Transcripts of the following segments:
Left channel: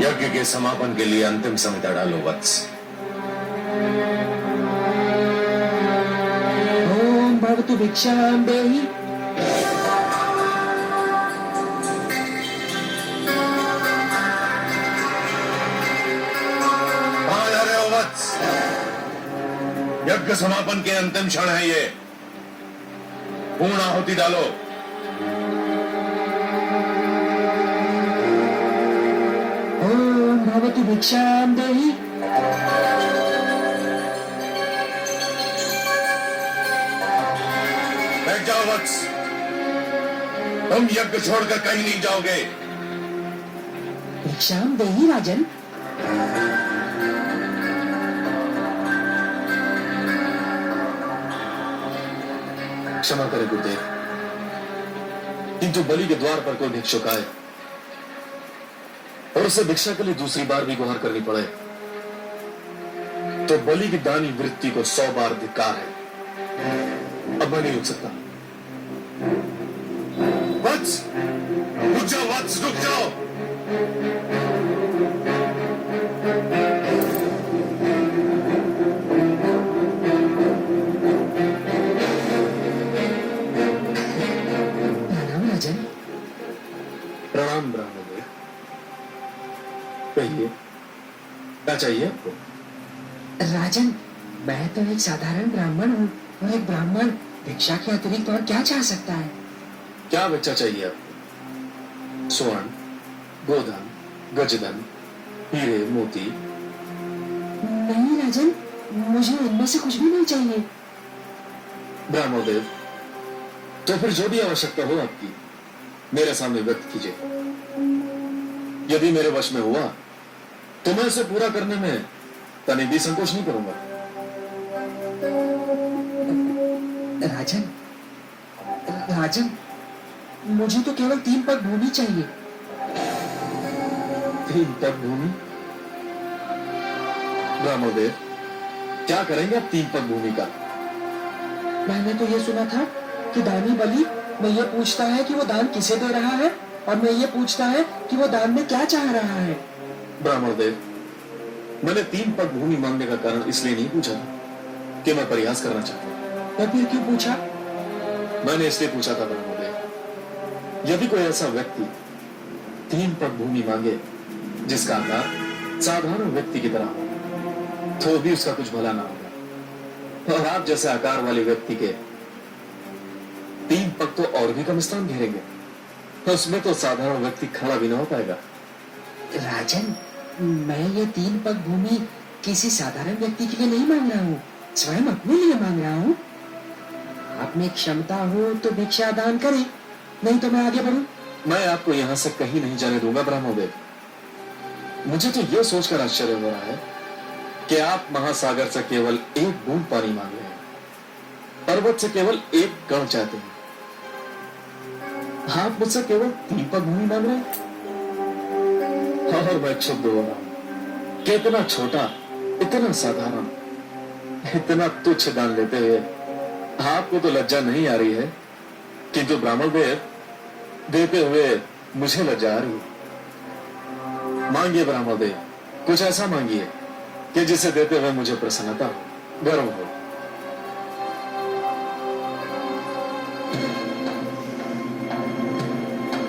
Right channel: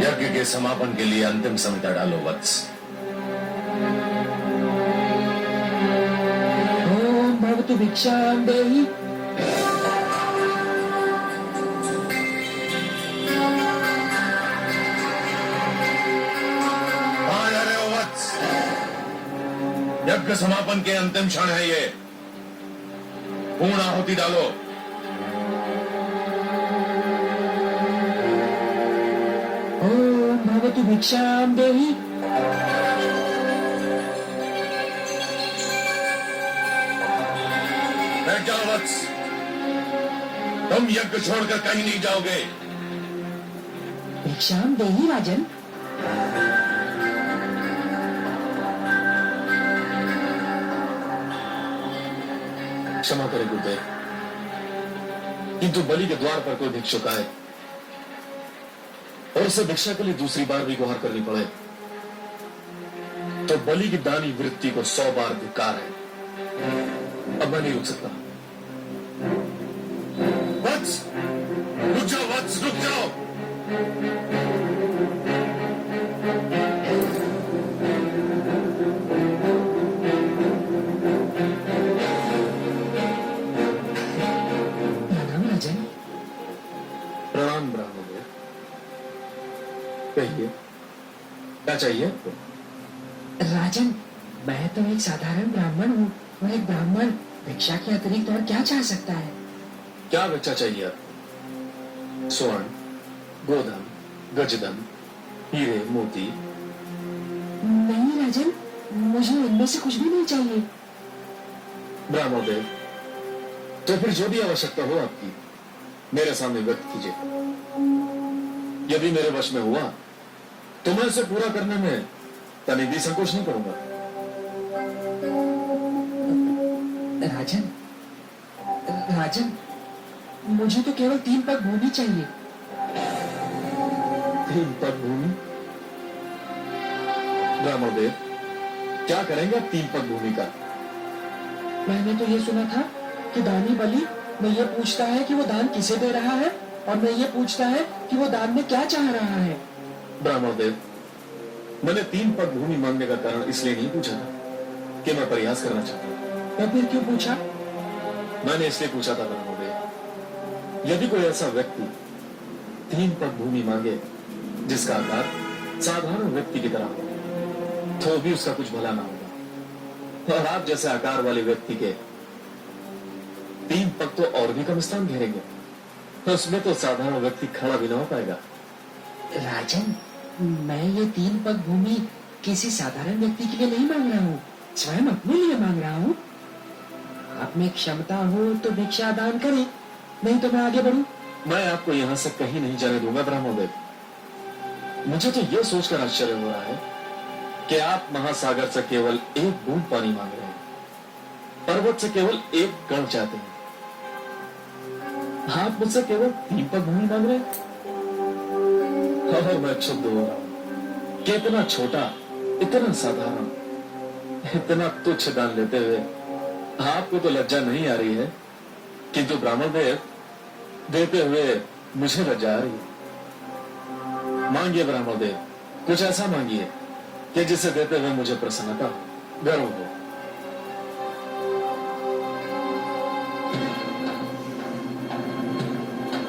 यज्ञ के समापन के लिए अंतिम संहिता डालो वत्स। ओम भवतु भिक्षां देहि। कहां जा रहे हो वत्स? यज्ञ समापन के अंतिम क्षण है ये। पूर्ण आहुति डालो। ओम भवतु भिक्षां देहि। बैठ जाओ वत्स। तुम यज्ञ छोड़कर कहीं नहीं जाओगे। भिक्षां देहि राजन। क्षमा करें गुरुदेव, किंतु बलि के द्वार पर कोई भिक्षुक आए और उसे भिक्षा के लिए दूसरी बार भी गुहार करनी पड़े तो बलि की दानी वृत्ति को 100 बार धिक्कार है। अब मैं नहीं रुक सकता। वत्स रुक जाओ, वत्स रुक जाओ। प्रणाम राजन। प्रणाम ब्राह्मण। कहिए क्या चाहिए आपको? राजन, मैं तो एक साधारण ब्राह्मण हूँ और एक ब्राह्मण भिक्षा के अतिरिक्त और क्या चाह सकता है? क्या बच्चा चाहिए आपको? स्वर्ण, गोधन, गजधन, हीरे, मोती? नहीं राजन, मुझे इनमें से कुछ भी नहीं चाहिए। ब्राह्मणदेव, तो फिर जो भी आवश्यकता हो आपकी मेरे सामने व्यक्त कीजिए। यदि मेरे वश में हुआ तो मैं इसे पूरा करने में तनिक भी संकोच नहीं करूंगा। राजन, राजन, मुझे तो केवल 3 पग भूमि चाहिए। 3 पग भूमि? ब्राह्मणदेव, क्या करेंगे आप 3 पग भूमि का? मैंने तो ये सुना था कि दानी बलि में ये पूछता है कि वो दान किसे दे रहा है और मैं ये पूछता है कि वो दान में क्या चाह रहा है। ब्राह्मणदेव, मैंने 3 पग भूमि मांगने का कारण इसलिए नहीं पूछा था कि मैं प्रयास करना चाहता हूं। तो फिर क्यों पूछा? मैंने इसलिए पूछा था ब्राह्मणदेव, यदि कोई ऐसा व्यक्ति 3 पग भूमि मांगे जिसका आकार साधारण व्यक्ति की तरह हो तो भी उसका कुछ भला ना होगा, और आप जैसे आकार वाले व्यक्ति के 3 पग तो और भी कम स्थान घेरेंगे, तो उसमें तो साधारण व्यक्ति खड़ा भी ना हो पाएगा। राजन, मैं ये 3 पग भूमि किसी साधारण व्यक्ति के लिए नहीं मांग रहा हूँ, स्वयं अपने लिए मांग रहा हूँ। आप में क्षमता हो तो भिक्षा दान करें, नहीं तो मैं आगे बढ़ूं। मैं आपको यहां से कहीं नहीं जाने दूंगा ब्राह्मणदेव। मुझे तो यह सोचकर आश्चर्य हो रहा है कि आप महासागर से केवल 1 बूंद पानी मांग रहे हैं, पर्वत से केवल 1 कण चाहते हैं। आप मुझसे केवल 3 पग भूमि मांग रहे हैं और मैं क्षुब्ध हो रहा हूं कि इतना छोटा, इतना साधारण, इतना तुच्छ दान लेते हुए आपको तो लज्जा नहीं आ रही है, किंतु ब्राह्मणदेव देते हुए मुझे लज्जा आ रही है। मांगिए ब्राह्मणदेव, कुछ ऐसा मांगिए कि जिसे देते हुए मुझे प्रसन्नता हो, गर्व हो।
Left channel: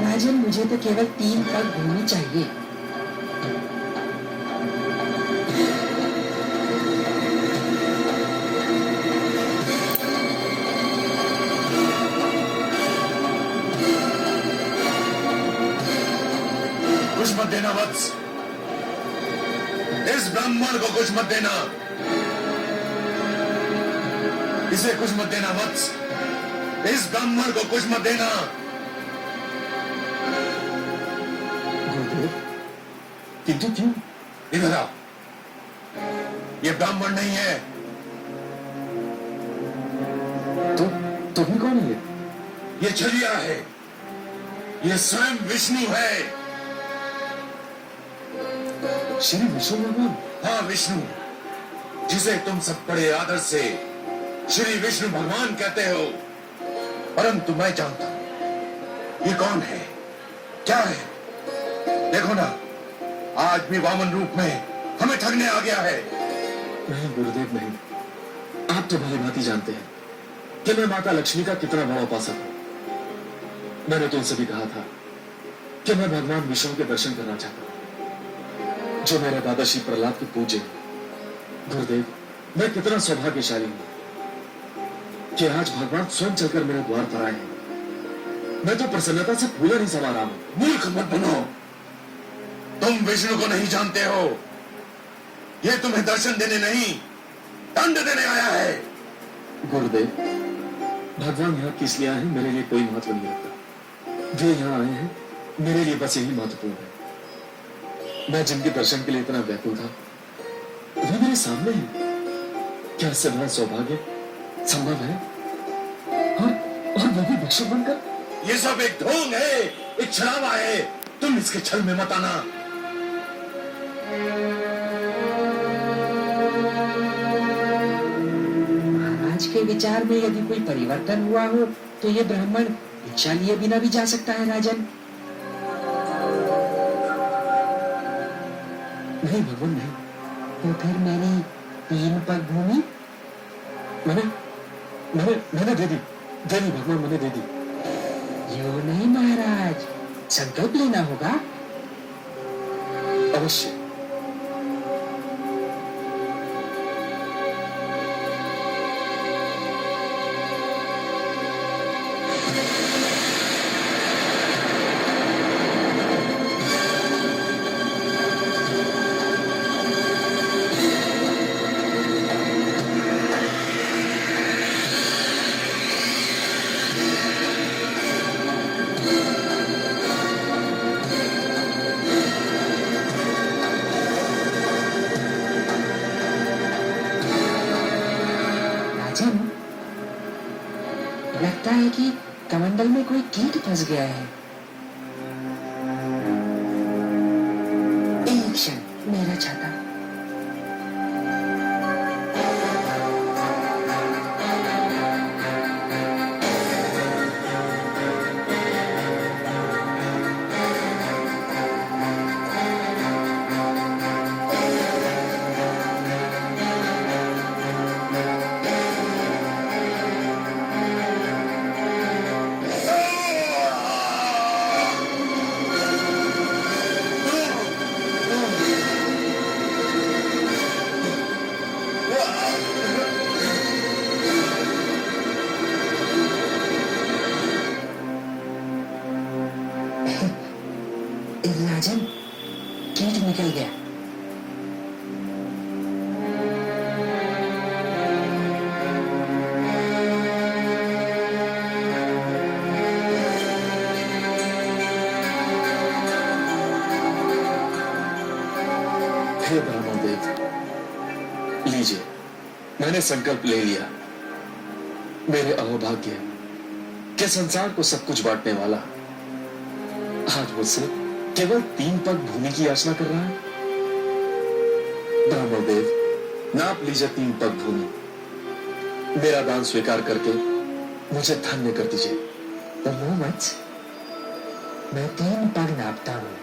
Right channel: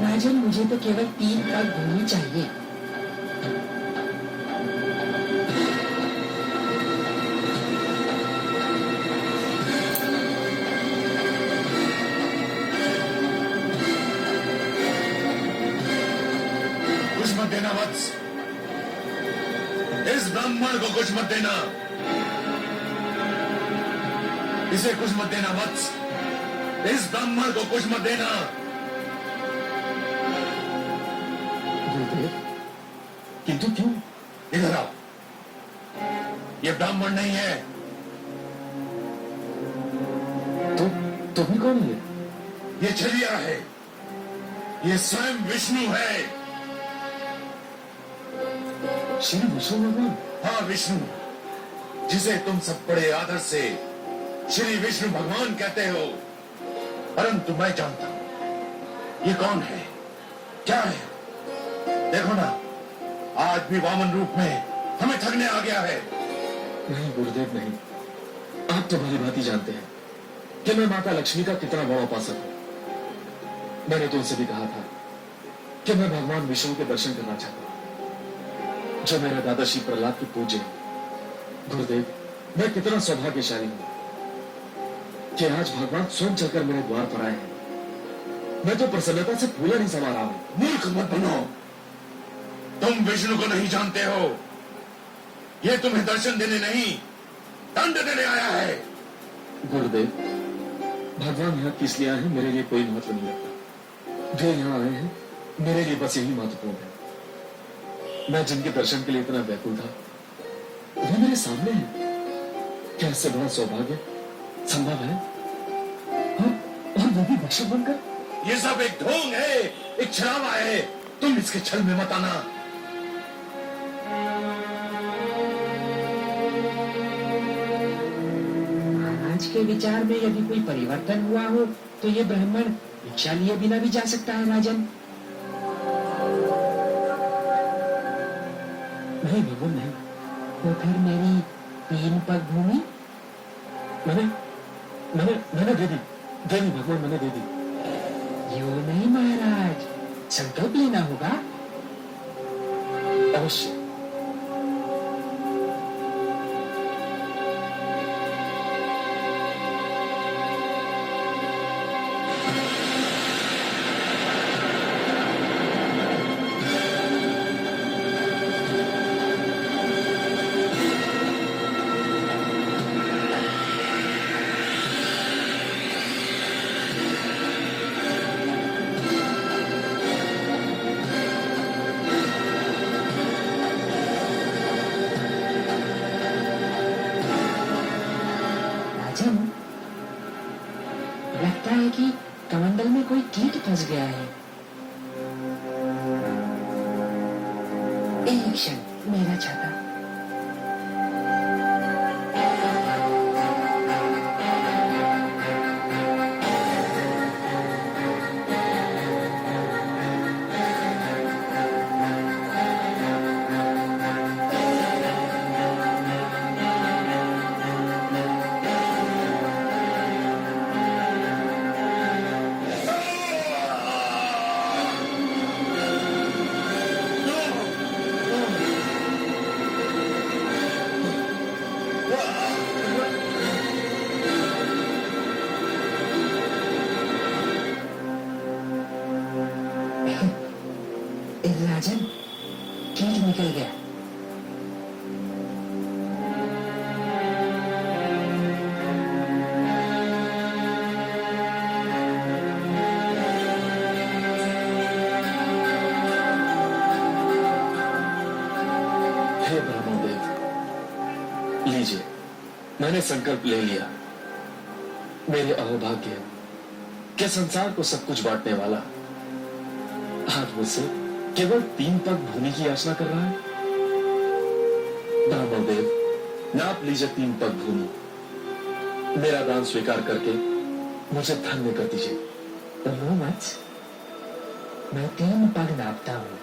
राजन, मुझे तो केवल 3 पग भूमि चाहिए। कुछ मत देना वत्स, इस ब्राह्मण को कुछ मत देना, इसे कुछ मत देना वत्स, इस ब्राह्मण को कुछ मत देना। गुरुदेव, किंतु क्यों? इधर आओ, ये ब्राह्मण नहीं है। तो भी कौन है? ये छलिया है, ये स्वयं विष्णु है। श्री विष्णु भगवान? हाँ, विष्णु, जिसे तुम सब बड़े आदर से श्री विष्णु भगवान कहते हो, परंतु मैं जानता हूं ये कौन है, क्या है। देखो ना, आज भी वामन रूप में हमें ठगने आ गया है। नहीं गुरुदेव नहीं, आप तो भली भांति जानते हैं कि मैं माता लक्ष्मी का कितना बड़ा उपासक हूं। मैंने तो उनसे भी कहा था कि मैं भगवान विष्णु के दर्शन करना चाहता हूं, जो मेरे दादा श्री प्रहलाद के पूज्य हैं। गुरुदेव, मैं कितना सौभाग्यशाली हूं कि आज भगवान स्वयं चलकर मेरे द्वार पर आए हैं। मैं तो प्रसन्नता से फूला नहीं समा रहा हूं। मूर्ख मत बनो, तुम विष्णु को नहीं जानते हो। ये तुम्हें दर्शन देने नहीं, दंड देने आया है। गुरुदेव, भगवान यहाँ किस लिए आए हैं मेरे लिए कोई महत्व नहीं रखता। वे यहाँ आए हैं मेरे लिए बस यही महत्वपूर्ण है। मैं जिनके दर्शन के लिए इतना व्याकुल था वे मेरे सामने हैं। क्या इससे बड़ा सौभाग्य संभव है? और वो भी भिक्षुक बनकर? ये सब एक ढोंग है, एक छलावा है। तुम इसके छल में मत आना। महाराज के विचार में यदि कोई परिवर्तन हुआ हो तो ये ब्राह्मण भिक्षा लिए बिना भी जा सकता है राजन। नहीं भगवान नहीं। तो फिर मेरी 3 पग भूमि मैंने मैंने मैंने दे दी भगवान, मैंने दे दी। यूं नहीं महाराज, संकल्प लेना होगा। अवश्य। राजन, लगता है कि कमंडल में कोई कीट फंस गया है। एक क्षण, मेरा छाता। राजन, कीट निकल गया। हे ब्रह्मदेव, लीजिए, मैंने संकल्प ले लिया। मेरे अहोभाग्य के संसार को सब कुछ बांटने वाला आज मुझसे केवल 3 पग भूमि की याचना कर रहा है। ब्रह्मदेव, नाप लीजिए 3 पग भूमि। मेरा दान स्वीकार करके मुझे धन्य कर दीजिए। तो नो मच, मैं 3 पग नापता हूँ।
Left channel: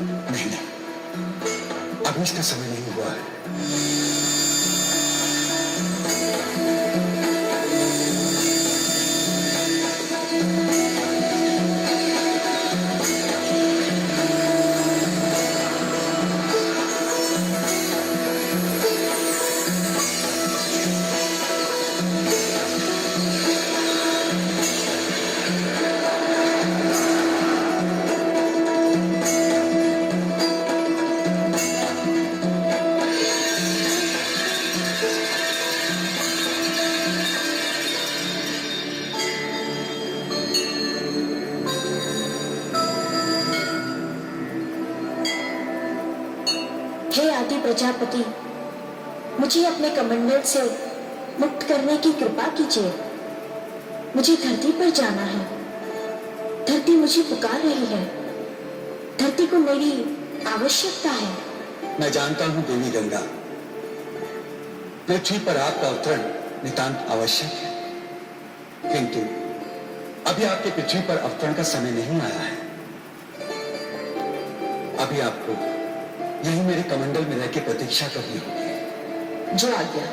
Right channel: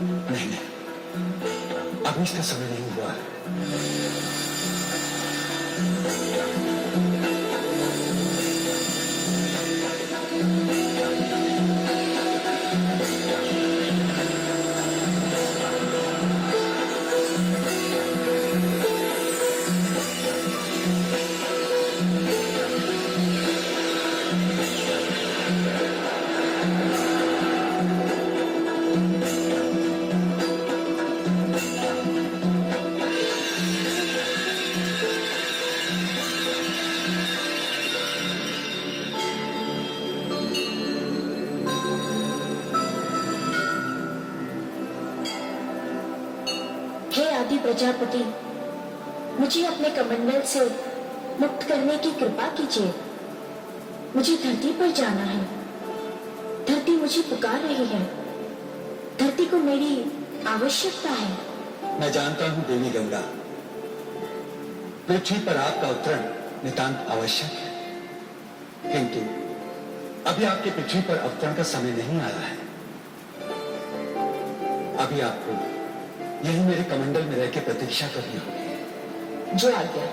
नहीं नहीं, अभी इसका समय नहीं हुआ है। हे आदि प्रजापति, मुझे अपने कमंडल से मुक्त करने की कृपा कीजिए। मुझे धरती पर जाना है। धरती मुझे पुकार रही है। धरती को मेरी आवश्यकता है। मैं जानता हूं देवी गंगा, पृथ्वी पर आपका अवतरण नितांत आवश्यक है, किंतु अभी आपके पृथ्वी पर अवतरण का समय नहीं आया है। अभी आपको यही मेरे कमंडल में रह के प्रतीक्षा करनी होगी। जो आज्ञा।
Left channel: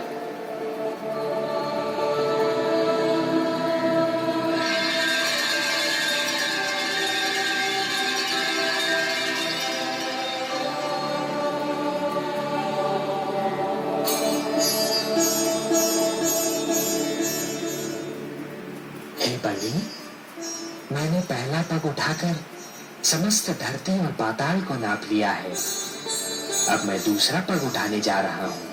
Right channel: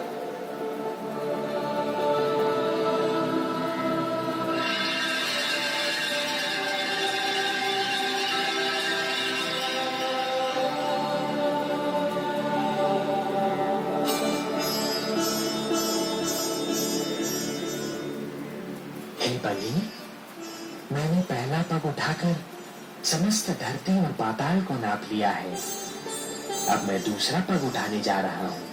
हे बलि, मैंने पहला पग उठाकर समस्त धरती और पाताल को नाप लिया है। अब मैं दूसरा पग उठाने जा रहा हूं।